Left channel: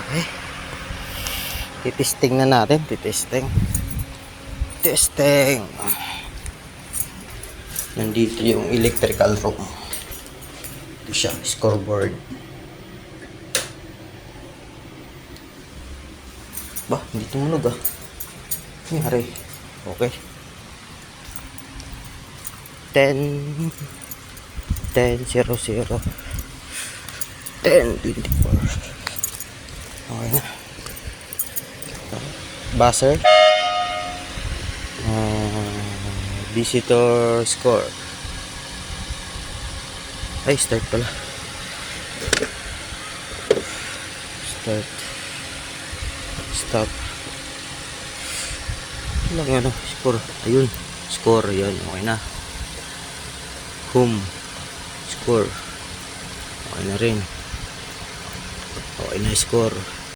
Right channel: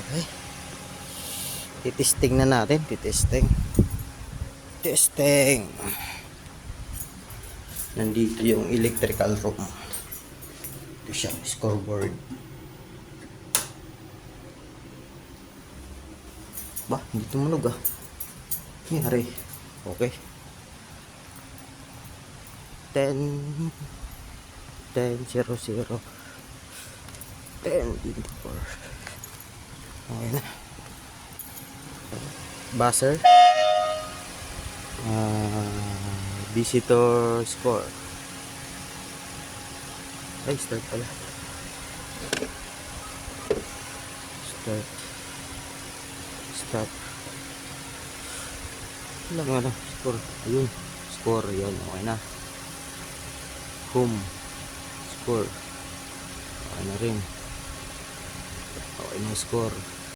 Okay. Titesting na natin. Titesting. Nandito yung electrical room. Ito siya, scoreboard. Ba, hindi tumunog ah. Nangyari. Okay. 10:00 10:24. Okay na. Buzzer. Visitor score. Ay, start pala. Start. Stop. Ano nga no? Score. Ayun. Score. Ayun. Okay na. Home. Score. Okay na rin. Okay na score.